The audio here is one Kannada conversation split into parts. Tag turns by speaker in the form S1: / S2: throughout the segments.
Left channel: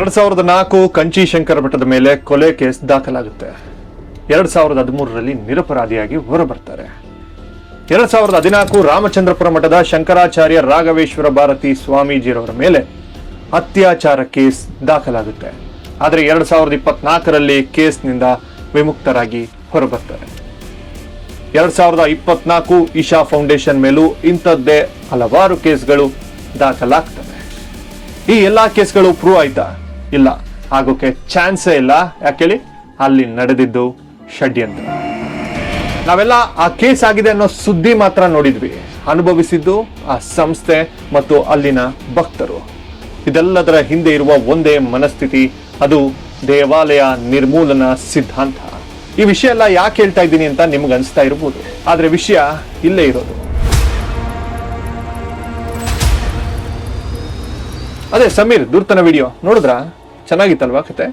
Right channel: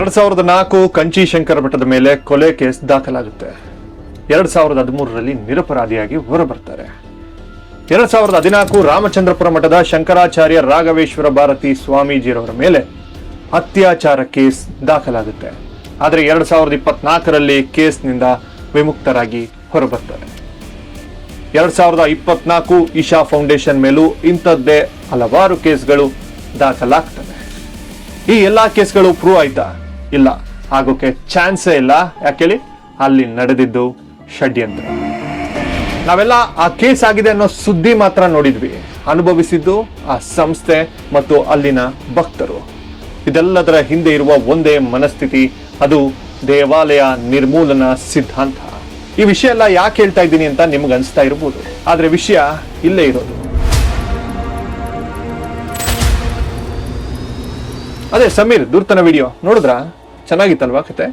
S1: ಎರಡ್ ಸಾವಿರದ ನಾಲ್ಕು ಕಂಚಿ ಶಂಕರ ಮಠದ ಮೇಲೆ ಕೊಲೆ ಕೇಸ್ ದಾಖಲಾಗುತ್ತೆ. ಎರಡ್ ಸಾವಿರದ ಹದಿಮೂರರಲ್ಲಿ ನಿರಪರಾಧಿಯಾಗಿ ಹೊರ ಬರ್ತಾರೆ ಎರಡ್ ಸಾವಿರದ ಹದಿನಾಲ್ಕು ರಾಮಚಂದ್ರಪುರ ಮಠದ ಶಂಕರಾಚಾರ್ಯ ರಾಘವೇಶ್ವರ ಭಾರತಿ ಸ್ವಾಮೀಜಿರವರ ಮೇಲೆ ಅತ್ಯಾಚಾರ ಕೇಸ್ ದಾಖಲಾಗುತ್ತೆ. ಆದರೆ ಎರಡ್ ಸಾವಿರದ ಇಪ್ಪತ್ನಾಲ್ಕರಲ್ಲಿ ಕೇಸ್ನಿಂದ ವಿಮುಕ್ತರಾಗಿ ಹೊರಬರ್ತಾರೆ. ಎರಡ್ ಸಾವಿರದ ಇಪ್ಪತ್ನಾಲ್ಕು ಇಶಾ ಫೌಂಡೇಶನ್ ಮೇಲೂ ಇಂಥದ್ದೇ ಹಲವಾರು ಕೇಸ್ಗಳು ದಾಖಲಾಗ್ತವೆ. ಈ ಎಲ್ಲಾ ಕೇಸ್ಗಳು ಪ್ರೂವ್ ಆಯ್ತಾ? ಇಲ್ಲ. ಆಗೋಕೆ ಚಾನ್ಸೇ ಇಲ್ಲ. ಯಾಕೇಳಿ ಅಲ್ಲಿ ನಡೆದಿದ್ದು ಷಡ್ಯಂತ್ರ. ನಾವೆಲ್ಲ ಆ ಕೇಸ್ ಆಗಿದೆ ಅನ್ನೋ ಸುದ್ದಿ ಮಾತ್ರ ನೋಡಿದ್ವಿ. ಅನುಭವಿಸಿದ್ದು ಆ ಸಂಸ್ಥೆ ಮತ್ತು ಅಲ್ಲಿನ ಭಕ್ತರು. ಇದೆಲ್ಲದರ ಹಿಂದೆ ಇರುವ ಒಂದೇ ಮನಸ್ಥಿತಿ ಅದು ದೇವಾಲಯ ನಿರ್ಮೂಲನಾ ಸಿದ್ಧಾಂತ. ಈ ವಿಷಯ ಎಲ್ಲ ಯಾಕೆ ಹೇಳ್ತಾ ಇದ್ದೀನಿ ಅಂತ ನಿಮ್ಗೆ ಅನಿಸ್ತಾ ಇರಬಹುದು ಆದ್ರೆ ವಿಷಯ ಇಲ್ಲೇ ಇರೋದು. ಅದೇ ಸಮೀರ್ ದುರ್ತನ ವಿಡಿಯೋ ನೋಡಿದ್ರ? ಚೆನ್ನಾಗಿತ್ತಲ್ವಾ ಕತೆ?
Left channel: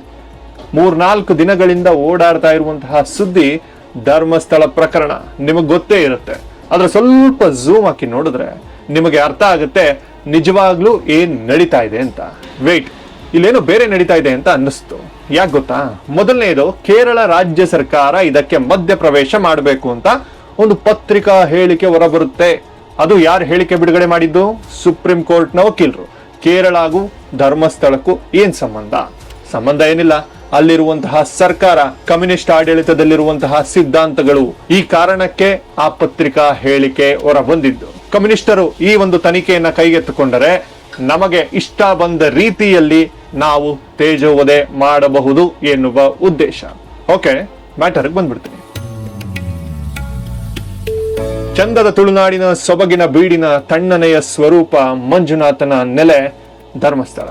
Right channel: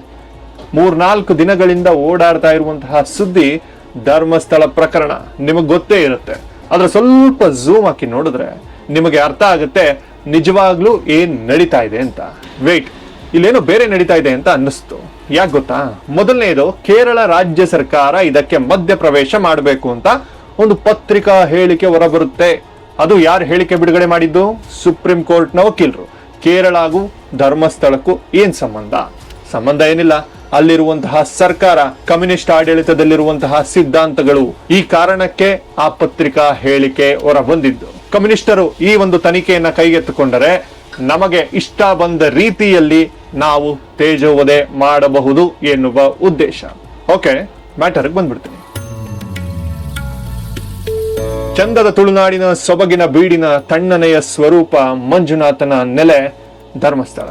S1: ಮೂರ್ನಾಲ್ಕು ದಿನಗಳಿಂದ ಓಡಾಡ್ತಾ ಇರುವಂತಹ ಸುದ್ದಿ ಧರ್ಮಸ್ಥಳ ಪ್ರಕರಣ. ನಿಮಗೆ ಗೊತ್ತೇ ಇರುತ್ತೆ. ಆದ್ರೆ ಸ್ವಲ್ಪ ಝೂಮ್ ಹಾಕಿ ನೋಡಿದ್ರೆ ನಿಮಗೆ ಅರ್ಥ ಆಗುತ್ತೆ, ನಿಜವಾಗ್ಲೂ ಏನ್ ನಡೀತಾ ಇದೆ ಅಂತ. ವೇಟ್ ಇಲ್ಲೇನೋ ಬೇರೆ ನಡೀತಾ ಇದೆ ಅಂತ ಅನ್ನಿಸ್ತು. ಯಾಕೆ ಗೊತ್ತಾ? ಮೊದಲನೇದು, ಕೇರಳ ರಾಜ್ಯ ಸರ್ಕಾರ ಇದಕ್ಕೆ ಮಧ್ಯ ಪ್ರವೇಶ ಮಾಡಬೇಕು ಅಂತ ಒಂದು ಪತ್ರಿಕಾ ಹೇಳಿಕೆ ಹೊರಬರುತ್ತೆ. ಅದು ಯಾರು ಹೇಳಿಕೆ ಬಿಡುಗಡೆ ಮಾಡಿದ್ದು? ಸುಪ್ರೀಂ ಕೋರ್ಟ್ನ ವಕೀಲರು. ಕೇರಳ ಹಾಗೂ ಧರ್ಮಸ್ಥಳಕ್ಕೂ ಏನ್ ಸಂಬಂಧ? ಸಂಬಂಧ ಏನಿಲ್ಲ. ಅಲ್ಲಿರುವಂತಹ ಸರ್ಕಾರ ಕಮ್ಯುನಿಸ್ಟ್ ಆಡಳಿತದಲ್ಲಿರುವಂತಹ ಸಿದ್ಧಾಂತಗಳು ಈ ಕಾರಣಕ್ಕೆ ಆ ಪತ್ರಿಕಾ ಹೇಳಿಕೆ ಹೊರ ಬಂದಿದ್ದು ಕಮ್ಯುನಿಸ್ಟರು ಈ ಒಂದು ತನಿಖೆಯನ್ನ ಕೈಗೆತ್ತಿಕೊಂಡರೆ ನಮಗೆ ಇಷ್ಟ ಬಂದ ರೀತಿಯಲ್ಲಿ ನಾವು ತೇಜೋವಧೆ ಮಾಡಬಹುದು ಎನ್ನುವ ಉದ್ದೇಶ. ಓಕೆ ಮ್ಯಾಟರ್ಗೆ ಬಂದ್ಬಿಡ್ತೀನಿ. ಚಂದದ ತುಳುನಾಡಿನ ಸೊಬಗಿನ ಬೀಡಿನ ತಣ್ಣನೆಯ ಸ್ವರೂಪ ಮಂಜುನಾಥನ ನೆಲೆ ಧರ್ಮಸ್ಥಳ.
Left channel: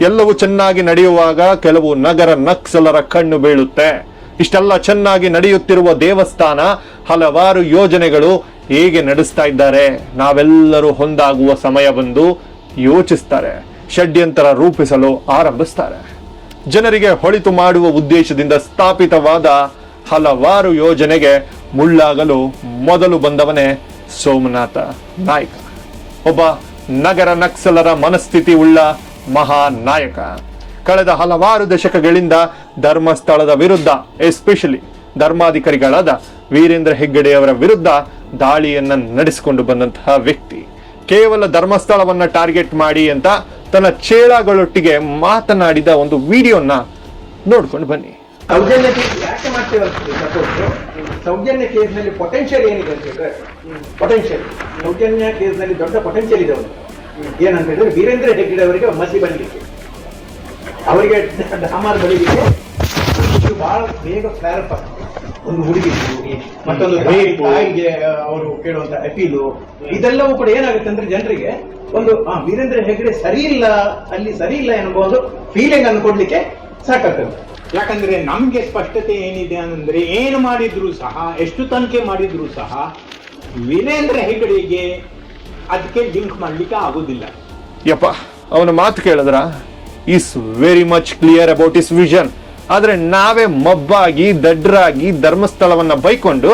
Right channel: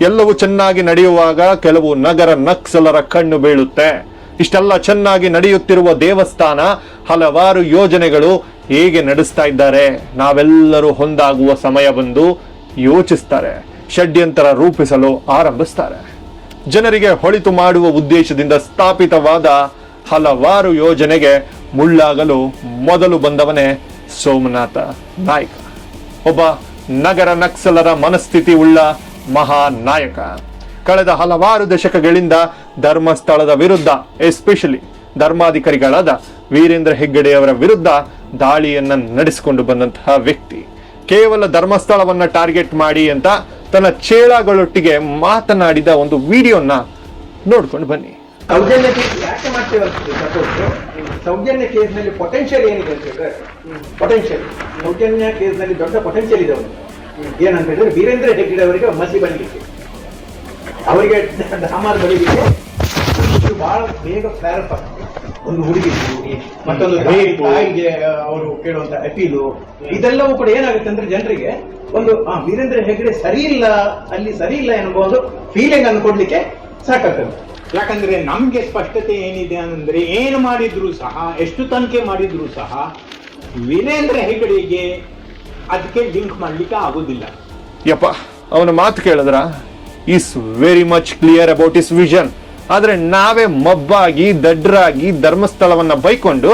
S1: ಎಲ್ಲವೂ ಚೆನ್ನಾಗಿ ನಡೆಯುವಾಗ ಕೆಲವು ನಗರ ನಕ್ಸಲರ ಕಣ್ಣು ಬೀಳುತ್ತೆ. ಇಷ್ಟೆಲ್ಲ ಚೆನ್ನಾಗಿ ನಡೆಯುತ್ತಿರುವ ದೇವಸ್ಥಾನ ಹಲವಾರು ಯೋಜನೆಗಳು ಹೇಗೆ ನಡೆಸ್ತಾ ಇದ್ದಾರೆ. ನಾವೆಲ್ಲರೂ ಹೊಂದಾಗುವ ಸಮಯ ಬಂದು ಯೋಚಿಸ್ತಾರೆ. ಷಡ್ಯಂತರ ರೂಪಿಸಲು ಆರಂಭಿಸ್ತಾರೆ. ಜನರಿಗೆ ಹೊಳಿತು ಮಾಡುವ ಉದ್ದೇಶದಿಂದ ಸ್ಥಾಪಿತವಾದ ಹಲವಾರು ಯೋಜನೆಗೆ ಮುಳ್ಳಾಗಲು ಮೊದಲು ಬಂದವನೇ ಸೋಮನಾಥ ನಾಯಕ. ಒಬ್ಬ ನಗರ ನಕ್ಸಲರ ಮನಸ್ಥಿತಿ ಉಳ್ಳ ಮಹಾ ನಾಯಕ ಕಳೆದ ಹಲವಾರು ದಶಕಗಳಿಂದ ಧರ್ಮಸ್ಥಳದ ವಿರುದ್ಧ ಎಸ್ಪೆಷಲಿ ಧರ್ಮಾಧಿಕಾರಿಗಳಾದ ವೀರೇಂದ್ರ ಹೆಗ್ಗಡೆಯವರ ವಿರುದ್ಧ ದಾಳಿಯನ್ನ ನಡೆಸಿಕೊಂಡು ಬಂದಂತಹ ವ್ಯಕ್ತಿ. ಕೇವಲ ಧರ್ಮಸ್ಥಳವನ್ನ ಟಾರ್ಗೆಟ್ ಮಾಡಿ ಅಂತ ತನ್ನ ಚೇಳಗಳೊಟ್ಟಿಗೆ ಮಾತನಾಡಿದ ಒಂದು ವಿಡಿಯೋನ ನೋಡ್ಕೊಂಡು ಬನ್ನಿ.
S2: ಸೌಜನ್ಯ ಕೇಸ್ ಯಾಕೆ ಮಾಡ್ತೀವಿ ಅಂತ? ಸೌಜನ್ಯ ಕೇಸ್ನಲ್ಲಿ ಪೊಟೆನ್ಷಿಯಲ್ ಏನು ಬೇಕಾದ್ರೆ ಪೊಟೆನ್ಷಿಯಲ್ ಸೌಜನ್ಯ ಕೇಸ್ನಲ್ಲಿ ದೊಡ್ಡ ಪೊಟೆನ್ಷಿಯಲ್ ಇದೆ ಅವರು ಏನಂತ ಹೇಳಿದ್ರೆ ವೀರೇಂದ್ರ ಹೆಗ್ಗಡೆ ಅವರಿಗೆ ಒಂದು ಮಸಿ ಬಂದಿದೆ. ಅವರಿಗೆ ಸಾಮಾನು ಬೆಳೀಲಿಕ್ಕೆ ಬಹಳ ಬೇಗ ಪ್ರಾರಂಭ ಒಂದು ಹುಡುಗಿ ಮತ್ತೊಂದು ತಾಯಿಗೆ ಅವರು ಕೇಳುವಂತ ಅಪೀಲು ಇದೆಲ್ಲವೂ ಕೂಡ ಏನಾಗುತ್ತೆ ಅಂದ್ರೆ ಜನರಿಗೆ ಒಂದು ಆ, ವೀರೇಂದ್ರ ಹೆಗ್ಗಡೆ ಸರಿ ಇಲ್ಲ ಅಲ್ಲಿ ಸರಿ ಇಲ್ಲ ಎನ್ನುವುದು ಫೀಲಿಂಗ್ ಅನ್ನು ಕೊಡ್ಲಿಕ್ಕೆ ಸಾಕಾಗ್ತದೆ ಯಾಕಂದ್ರೆ ನಮಗೆ ಸ್ಪಷ್ಟತೆ ಏನಿದೆ ಅಂದ್ರೆ ಏನು ಮಾಡಿದ್ರು ಸಹ, ಎಷ್ಟು ತನಿಖೆ ಮಾಡಿದ್ರು ಸಹ, ವೀರೇಂದ್ರ ಹೆಗಡೆಗೆ ಅದಕ್ಕೆ ಲಿಂಕ್ ಮಾಡ್ಲಿಕ್ಕೆ ಆಗುದಿಲ್ಲ.
S1: ಯಪ್ಪ ಅವನ ಮಾತು ಕೇಳಿದ್ರ? Is very much clear about his vision ಆದ್ರೆ ನಾವೇ ಮಬ್ಬಾಗಿ, ದಡ್ರಾಗಿ ಧರ್ಮಸ್ಥಳವನ್ನ ಬೈಕೊಂಡು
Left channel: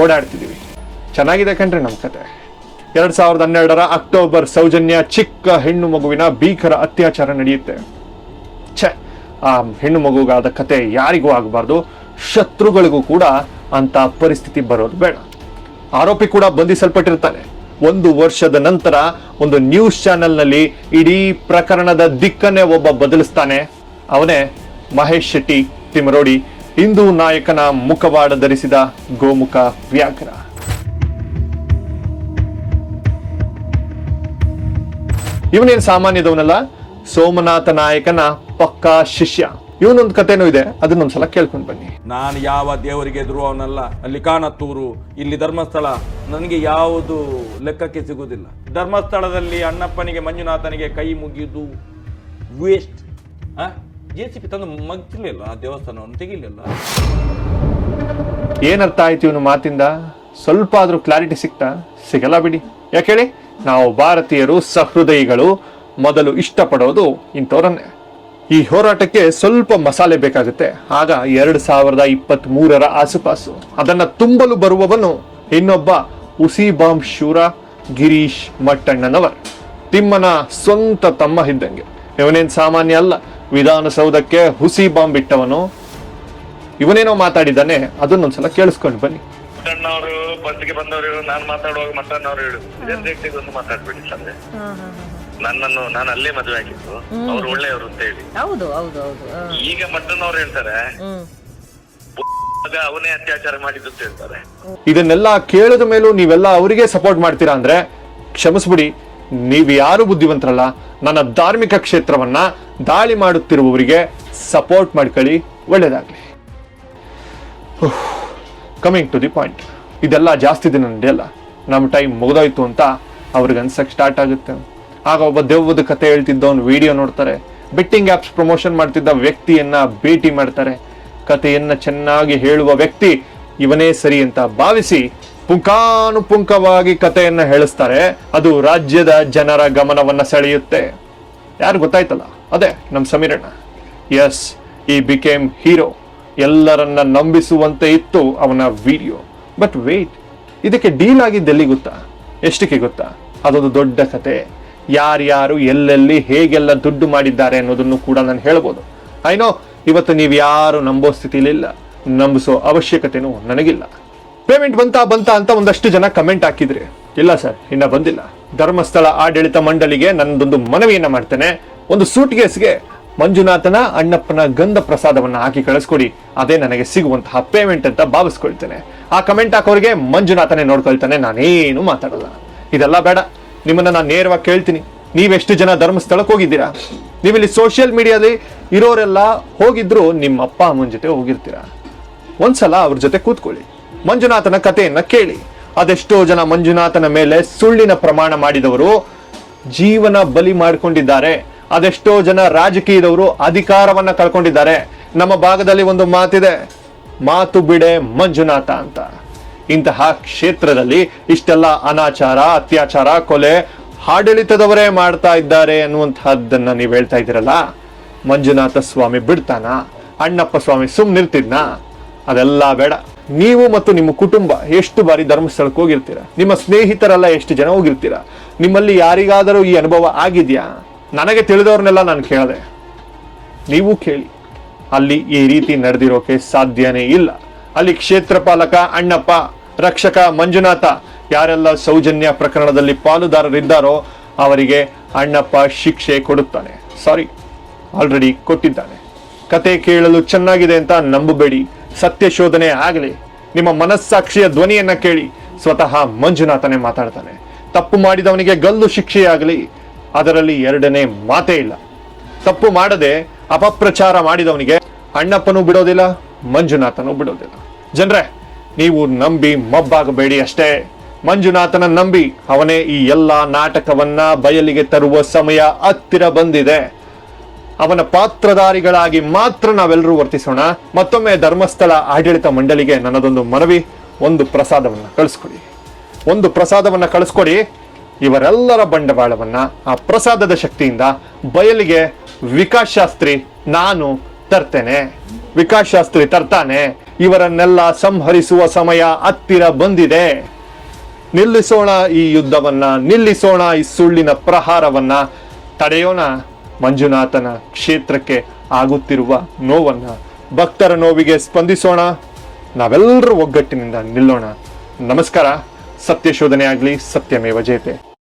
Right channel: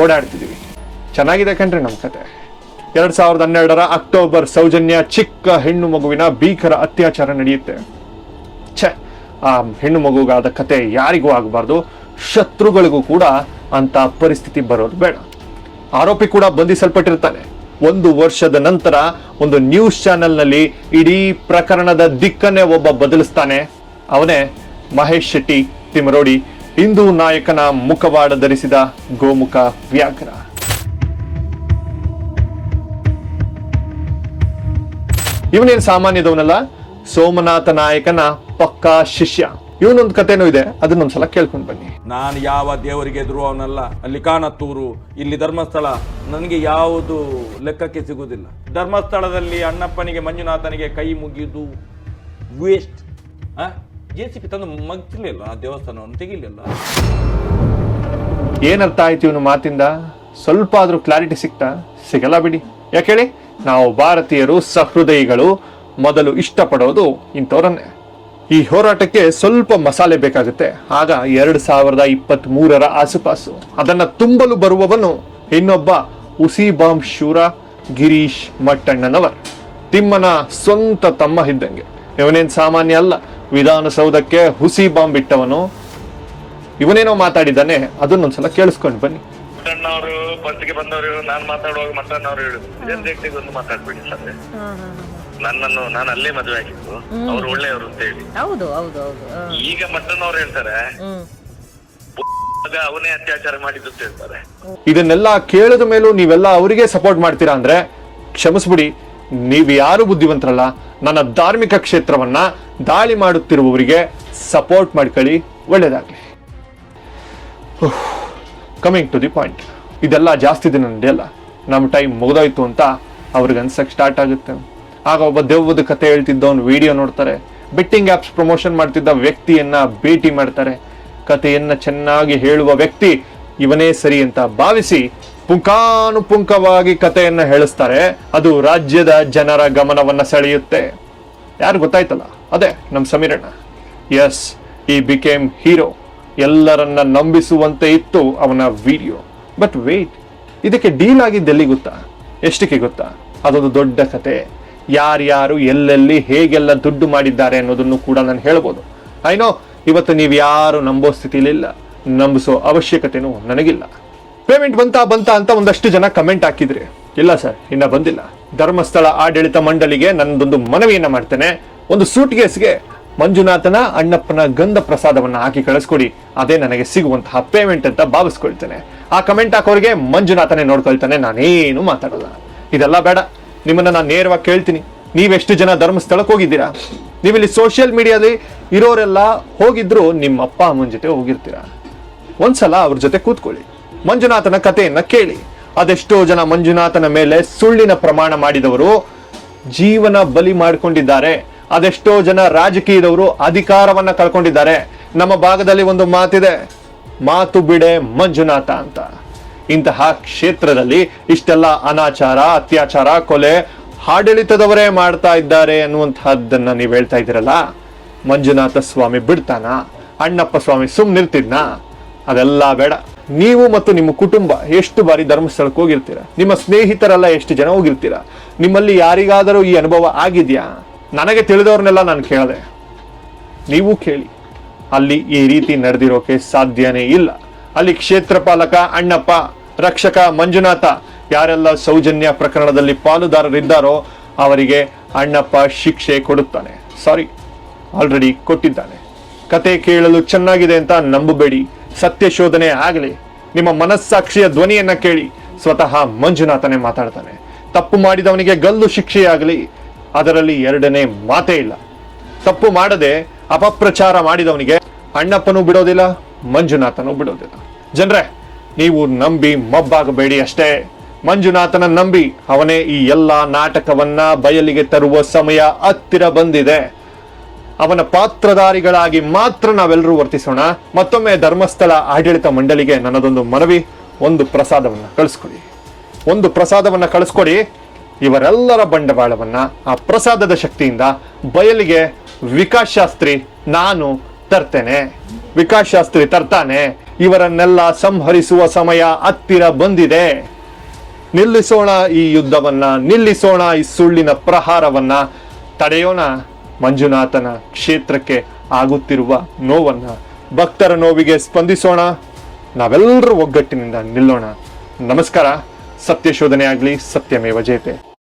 S1: ಓಡಾಡ್ತಿದೀವಿ. ಚೆನ್ನಾಗಿದೆ ಕಣ್ರಿ ನಮ್ಮ ಕಥೆ. ಎರಡ್ ಸಾವಿರದ ಹನ್ನೆರಡರ ಅಕ್ಟೋಬರ್ ಸೌಜನ್ಯ ಚಿಕ್ಕ ಹೆಣ್ಣು ಮಗುವಿನ ಭೀಕರ ಅತ್ಯಾಚಾರ ನಡೆಯುತ್ತೆ. ಛೆ ಆ ಹೆಣ್ಣು ಮಗುಗಾದ ಕತೆ ಯಾರಿಗೂ ಆಗಬಾರ್ದು, ಶತ್ರುಗಳಿಗೂ ಕೂಡ ಅಂತ ಪರಿಸ್ಥಿತಿ ಬರೋದು ಬೇಡ. ಆರೋಪಿ ಕೂಡ ಬಂಧಿಸಲ್ಪಟ್ಟಿರ್ತಾನೆ ಒಂದು ವರ್ಷದ ನಂತರ ಒಂದು ನ್ಯೂಸ್ ಚಾನೆಲ್ನಲ್ಲಿ ಇಡೀ ಪ್ರಕರಣದ ದಿಕ್ಕನ್ನೇ ಒಬ್ಬ ಬದಲಿಸ್ತಾನೆ. ಅವನೇ ಮಹೇಶ್ ಶೆಟ್ಟಿ ತಿಮರೋಡಿ ಹಿಂದೂ ನಾಯಕನ ಮುಖವಾಡ ಧರಿಸಿದ ಗೋಮುಖ ವ್ಯಾಕರ ಇವನೇನ್ ಸಾಮಾನ್ಯದವನಲ್ಲ? ಸೋಮನಾಥ ನಾಯಕನ ಪಕ್ಕಾ ಶಿಷ್ಯ. ಇವನೊಂದು ಕಥೆನೂ ಇದೆ ಅದನ್ನೊಂದ್ಸಲ ಕೇಳ್ಕೊಂಡು ಬನ್ನಿ
S3: ನಾನು ಯಾವ ದೇವರಿಗೆ ಎದುರು ಅವನಲ್ಲ ಅಲ್ಲಿ ಕಾಣತ್ತೂರು ಇಲ್ಲಿ ಧರ್ಮಸ್ಥಳ ನನಗೆ ಯಾವುದು ಲೆಕ್ಕಕ್ಕೆ ಸಿಗುವುದಿಲ್ಲ. ಧರ್ಮಸ್ಥಳದಲ್ಲಿ ಅಣ್ಣಪ್ಪನಿಗೆ ಮಂಜುನಾಥನಿಗೆ ಕೈ ಮುಗಿದು ವೇಸ್ಟ್. ಜೇಸಿಗೆ ತನ್ನ ಮಗ್ಲಿಲ್ಲ ಆ ದೇವಸ್ಥಾನವನ್ನು ತೆಗಿಲಿಲ್ಲ.
S1: ಏನರ್ಥ ಆಯ್ತು ಇವನು ಮಾತಿಂದ? ಸ್ವಲ್ಪ ಆದ್ರೂ ಕ್ಲಾರಿಟಿ ಸಿಕ್ತಾ? ಸಿಗಲ್ಲ ಬಿಡಿ. ಯಾಕೆ ಹೇಳಿ? ನಾವು ಭಾರತೀಯರು ಸಹೃದಯಿಗಳು ಮೊದಲು ಇಷ್ಟಪಡೋದು ಇಂಥವ್ರನ್ನೇ ಈ ಹೋರಾಟಕ್ಕೆ ಸ್ವಲ್ಪ ಮಸಾಲೆ ಬೇಕಾಗುತ್ತೆ. ಆಗ ಎರಡು ಸಾವಿರದ ಇಪ್ಪತ್ತ್ ಮೂರರ ಆಸುಪಾಸು. ಅದನ್ನ ತುಂಬಲು ಬರುವವನು ಇನ್ನೊಬ್ಬ ಉಸಿ ಬಾಂಬ್ ಶೂರ ಗಿರೀಶ್ ಮಟ್ಟಣ್ಣನವರು ತಿಮ್ಮನ ಸ್ವಂತ ತಮ್ಮ ಇದ್ದಂಗೆ ಇವನೇನ್ ಸಾಮಾನ್ಯ ಅಲ್ಲ. ವಿಧಾನಸೌಧಕ್ಕೆ ಹುಸಿ ಬಾಂಬ್ ಇಟ್ಟವನು. ಇವನೇನೋ ಮಾತಾಡಿದ್ದಾನೆ. ಅದನ್ನೊಂದ್ಸಲ ಕೇಳಿಸ್ಕೊಂಡು ಬನ್ನಿ.
S4: ಬಂದವರು ನಾನು ಮಾತಾಡುವಾಗ ಮಾತಾಡ್ಬೇಡಿ ನನ್ನನ್ನು ನಾನು ಅಲ್ಲೇ ಮದುವೆ ಆಗಿದ್ದು. ಅವ್ರು ಒಳ್ಳೆಯವರು ಅಂತ ಹೇಳಿ.
S5: ಹೌದು ಹೌದು ಹೌದು. ಹ್ಮ್.
S4: ಈಗ ಮಟ್ಟನವ್ರು ಹೇಳ್ತಾರೆ
S5: ಹ್ಮ್.
S4: ಆಗ ಅವನೇ ಅತ್ಯಾಚಾರ ಮಾಡಿದ್ದು ಅಂತ ಹೇಳ್ತಾರೆ.
S1: ಇದನ್ನೆಲ್ಲ ಕೇಳಿದ ಮೇಲೂ ನೀವೆಲ್ಲ ಅವರಿಗೆ ಸಪೋರ್ಟ್ ಮಾಡ್ತೀರಾ ಅಂದ್ರೆ ಕ್ಷಮಿಸ್ಬಿಡಿ ನೀವು ಯಾರು ಬುದ್ಧಿವಂತರಲ್ಲ ನನ್ನ ಧಾರ್ಮಿಕ ಕ್ಷೇತ್ರವನ್ನ ದಾಳಿ ಮಾಡುತ್ತಿರುವವರಿಗೆ ಸಪೋರ್ಟ್ ಮಾಡ್ಕೊಳ್ಳಿ ಒಳ್ಳೇದಾಗ್ಲಿ. ಕಮಿಂಗ್ ಟು ದಿ ಪಾಯಿಂಟ್ ಇದೆಲ್ಲ ಜಾಸ್ತಿ ದಿನ ನಡೆಯಲ್ಲ. ನಮ್ಮ ಟೈಮ್ ಮುಗಿದಾಯ್ತು ಅಂತ ಅವ್ರಿಗೆ ಅನ್ಸಕ್ ಸ್ಟಾರ್ಟ್ ಆಗುತ್ತೆ. ಆಗ ಒಬ್ಬ ದೆವ್ವದ ಕತೆ ಒಂದು ವಿಡಿಯೋ ನೋಡ್ತಾರೆ. ಬೆಟ್ಟಿಂಗ್ ಆಪ್ಸ್ ಪ್ರಮೋಷನ್ ಮಾಡ್ತಿದ್ದ ವ್ಯಕ್ತಿಯನ್ನ ಭೇಟಿ ಮಾಡ್ತಾರೆ. ಕಥೆಯನ್ನ ಚೆನ್ನಾಗಿ ಹೇಳುವ ವ್ಯಕ್ತಿ ಇವನೇ ಸರಿ ಅಂತ ಭಾವಿಸಿ ಪುಂಖಾನುಪುಂಖವಾಗಿ ಕಥೆಯನ್ನ ಹೇಳಿಸ್ತಾರೆ. ಅದು ರಾಜ್ಯದ ಜನರ ಗಮನವನ್ನ ಸೆಳೆಯುತ್ತೆ. ಯಾರು ಗೊತ್ತಾಯ್ತಲ್ಲ? ಅದೇ, ನಮ್ ಸಮೀರಣ್ಣ. ಎಸ್ ಈ ಬಿಕೇಮ್ ಹೀರೋ ಎಲ್ಲರನ್ನ ನಂಬಿಸುವಂತೆ ಇತ್ತು ಅವನ ವಿಡಿಯೋ ಬಟ್ ವೇಟ್ ಇದಕ್ಕೆ ಡೀಲ್ ಆಗಿದ್ದೆಲ್ಲಿ ಗೊತ್ತಾ? ಎಷ್ಟಕ್ಕೆ ಗೊತ್ತಾ? ಅದೊಂದು ದೊಡ್ಡ ಕತೆ ಯಾರ್ಯಾರು ಎಲ್ಲೆಲ್ಲಿ ಹೇಗೆಲ್ಲ ದುಡ್ಡು ಮಾಡಿದ್ದಾರೆ ಅನ್ನೋದನ್ನು ಕೂಡ ನಾನು ಹೇಳ್ಬೋದು. ಐನೋ ಇವತ್ತು ನೀವು ಯಾರು ನಂಬೋ ಸ್ಥಿತಿಲಿಲ್ಲ ನಂಬಿಸೋ ಅವಶ್ಯಕತೆನೂ ನನಗಿಲ್ಲ. ಪೇಮೆಂಟ್ ಬಂತಾ ಬಂತಾ ಅಂತ ಒಂದಷ್ಟು ಜನ ಕಮೆಂಟ್ ಹಾಕಿದ್ರಿ, ಇಲ್ಲ ಸರ್ ಇನ್ನ ಬಂದಿಲ್ಲ. ಧರ್ಮಸ್ಥಳ ಆಡಳಿತ ಮಂಡಳಿಗೆ ನನ್ನದೊಂದು ಮನವಿಯನ್ನ ಮಾಡ್ತೇನೆ. ಒಂದು ಸೂಟ್ ಕೇಸ್ಗೆ ಮಂಜುನಾಥನ, ಅಣ್ಣಪ್ಪನ ಗಂಧ ಪ್ರಸಾದವನ್ನ ಹಾಕಿ ಕಳಿಸ್ಕೊಡಿ. ಅದೇ ನನಗೆ ಸಿಗುವಂತಹ ಪೇಮೆಂಟ್ ಅಂತ ಭಾವಿಸ್ಕೊಳ್ತೇನೆ. ಆ ಕಮೆಂಟ್ ಹಾಕೋರಿಗೆ ಮಂಜುನಾಥನೇ ನೋಡ್ಕೊಳ್ತಾನೆ, ನಾನೇನು ಮಾತಾಡಲ್ಲ. ಇದೆಲ್ಲ ಬೇಡ. ನಿಮ್ಮನ್ನ ನಾನು ನೇರವಾಗಿ ಕೇಳ್ತೀನಿ. ನೀವೆಷ್ಟು ಜನ ಧರ್ಮಸ್ಥಳಕ್ಕೆ ಹೋಗಿದ್ದೀರಾ? ನೀವಿಲ್ಲಿ ಸೋಷಿಯಲ್ ಮೀಡಿಯಾದಲ್ಲಿ ಇರೋರೆಲ್ಲ ಹೋಗಿದ್ರು, ನಿಮ್ಮ ಅಪ್ಪ, ಅಮ್ಮನ ಜೊತೆ ಹೋಗಿರ್ತೀರಾ? ಒಂದ್ಸಲ ಅವ್ರ ಜೊತೆ ಕೂತ್ಕೊಳ್ಳಿ. ಮಂಜುನಾಥನ ಕಥೆಯನ್ನ ಕೇಳಿ. ಅದೆಷ್ಟೋ ಜನ ಮಂಜುನಾಥನ ಮೇಲೆ ಸುಳ್ಳಿನ ಪ್ರಮಾಣ ಮಾಡಿದವರು ಜೀವನ ಬಲಿ ಮಾಡಿಕೊಂಡಿದ್ದಾರೆ. ಅದೆಷ್ಟೋ ಜನ ರಾಜಕೀಯದವರು ಅಧಿಕಾರವನ್ನ ಕಳ್ಕೊಂಡಿದ್ದಾರೆ. ನಮ್ಮ ಭಾಗದಲ್ಲಿ ಒಂದು ಮಾತಿದೆ, ಮಾತು ಬಿಡೆ ಮಂಜುನಾಥ ಅಂತ. ಇಂತಹ ಕ್ಷೇತ್ರದಲ್ಲಿ ಇಷ್ಟೆಲ್ಲ ಅನಾಚಾರ, ಅತ್ಯಾಚಾರ, ಕೊಲೆ ಆಡಳಿತದವರೇ ಮಾಡ್ತಾ ಇದ್ದಾರೆ ಅನ್ನುವಂತಹದ್ದನ್ನ ನೀವು ಹೇಳ್ತಾ ಇದ್ದೀರಲ್ಲ? ಮಂಜುನಾಥ ಸ್ವಾಮಿ ಬಿಡ್ತಾನ? ಅಣ್ಣಪ್ಪ ಸ್ವಾಮಿ ಸುಮ್ಮನಿರ್ತಿದ್ನ ಅದೆಲ್ಲ ಬೇಡ. ನೀವು ಮತ್ತು ನಿಮ್ಮ ಕುಟುಂಬ ಎಷ್ಟು ಬಾರಿ ಧರ್ಮಸ್ಥಳಕ್ಕೆ ಹೋಗಿರ್ತೀರ? ನಿಮ್ಮ ಸ್ನೇಹಿತರೆಲ್ಲ ಎಷ್ಟು ಜನ ಹೋಗಿರ್ತೀರ? ನಿಮ್ಮಲ್ಲಿ ಯಾರಿಗಾದರೂ ಈ ಅನುಭವ ಆಗಿದ್ಯಾ? ನನಗೆ ತಿಳಿದವ್ರನ್ನೆಲ್ಲ ನಾನು ಕೇಳಿದೆ. ನೀವು ಕೇಳಿ. ಅಲ್ಲಿ ಈ ರೀತಿ ನಡೆದಿರೋಕೆ ಸಾಧ್ಯನೇ ಇಲ್ಲ. ಅಲ್ಲಿ ಕ್ಷೇತ್ರ ಪಾಲಕ ಅಣ್ಣಪ್ಪ, ರಕ್ಷಕ ಮಂಜುನಾಥ ಯಾರೆಲ್ಲ ಸೌಜನ್ಯ ಪ್ರಕರಣದಲ್ಲಿ ಪಾಲುದಾರರಿದ್ದಾರೋ ಅವರಿಗೆ ಅಣ್ಣಪ್ಪ ಶಿಕ್ಷೆ ಕೊಡುತ್ತಾರೆ. ಸಾರಿ ಆಲ್ರೆಡಿ ಕೊಟ್ಟಿದ್ದಾನೆ. ಕತೆ ಕೇಳಲು ಚೆನ್ನಾಗಿದೆ ಅಂತ ನಂಬಬೇಡಿ. ಸತ್ಯ ಶೋಧನೆ ಆಗಲಿ. ನಿಮ್ಮ ಮನಸ್ಸಾಕ್ಷಿಯ ಧ್ವನಿಯನ್ನ ಕೇಳಿ ಸ್ವತಃ ಮಂಜುನಾಥನೇ ಮಾತಾಡ್ತಾನೆ. ತಪ್ಪು ಮಾಡಿದವನಿಗೆ ಗಲ್ಲು ಶಿಕ್ಷೆಯಾಗಲಿ ಅದರಲ್ಲಿ ಎರಡನೇ ಮಾತೇ ಇಲ್ಲ. ತಪ್ಪು ಮಾಡದೆ ಅಪಪ್ರಚಾರ ಮಾಡಿದವನಿಗೆ ಅಣ್ಣಪ್ಪನೂ ಬಿಡೋದಿಲ್ಲ. ಮಂಜುನಾಥನೂ ಬಿಡುವುದಿಲ್ಲ ಜನರೇ ನೀವು ನಂಬಿ ಮಬ್ಬಾಗಬೇಡಿ ಅಷ್ಟೇ. ಮಂಜುನಾಥನ ನಂಬಿ ಅವನೇ ಈ ಎಲ್ಲಾ ನಾಟಕವನ್ನ ಬಯಲಿಗೆ ತರುವ ಸಮಯ ಹತ್ತಿರ ಬಂದಿದೆ. ಅವನ ಪಾತ್ರಧಾರಿಗಳಾಗಿ ಮಾತ್ರ ನಾವೆಲ್ಲರೂ ವರ್ತಿಸೋಣ. ಮತ್ತೊಮ್ಮೆ ಧರ್ಮಸ್ಥಳ ಆಡಳಿತ ಮಂಡಳಿಗೆ ನನ್ನದೊಂದು ಮನವಿ ಒಂದು ಪ್ರಸಾದವನ್ನ ಕಳಿಸ್ಕೊಡಿ. ಒಂದು ಪ್ರಸಾದವನ್ನ ಕಳಿಸ್ಕೊಡಿ. ಇವರೆಲ್ಲರ ಬಂಡವಾಳವನ್ನ ಆ ಪ್ರಸಾದದ ಶಕ್ತಿಯಿಂದ ಬಯಲಿಗೆ ವಿಕಾಸ್ ಶಾಸ್ತ್ರಿ ನಾನು ತರ್ತೇನೆ. ವಿಕಾಸ್ ಶಾಸ್ತ್ರಿ ತರ್ತಾನೆ, ಇವರನ್ನೆಲ್ಲ ಸಂಹರಿಸುವ ಸಮಯ ಹತ್ತಿರ ಬಂದಿದೆ. ನಿಲ್ಲಿಸೋಣ ಈ ಯುದ್ಧವನ್ನ, ನಿಲ್ಲಿಸೋಣ ಈ ಸುಳ್ಳಿನ ಪ್ರಹಾರವನ್ನ. ತಡೆಯೋಣ ಮಂಜುನಾಥನ ಕ್ಷೇತ್ರಕ್ಕೆ ಆಗುತ್ತಿರುವ ನೋವನ್ನ. ಭಕ್ತರ ನೋವಿಗೆ ಸ್ಪಂದಿಸೋಣ. ನಾವೆಲ್ಲರೂ ಒಗ್ಗಟ್ಟಿನಿಂದ ನಿಲ್ಲೋಣ. ನಮಸ್ಕಾರ. ಸತ್ಯ ಶೋಧನೆ ಆಗ್ಲಿ ಸತ್ಯಮೇವ ಜಯತೆ.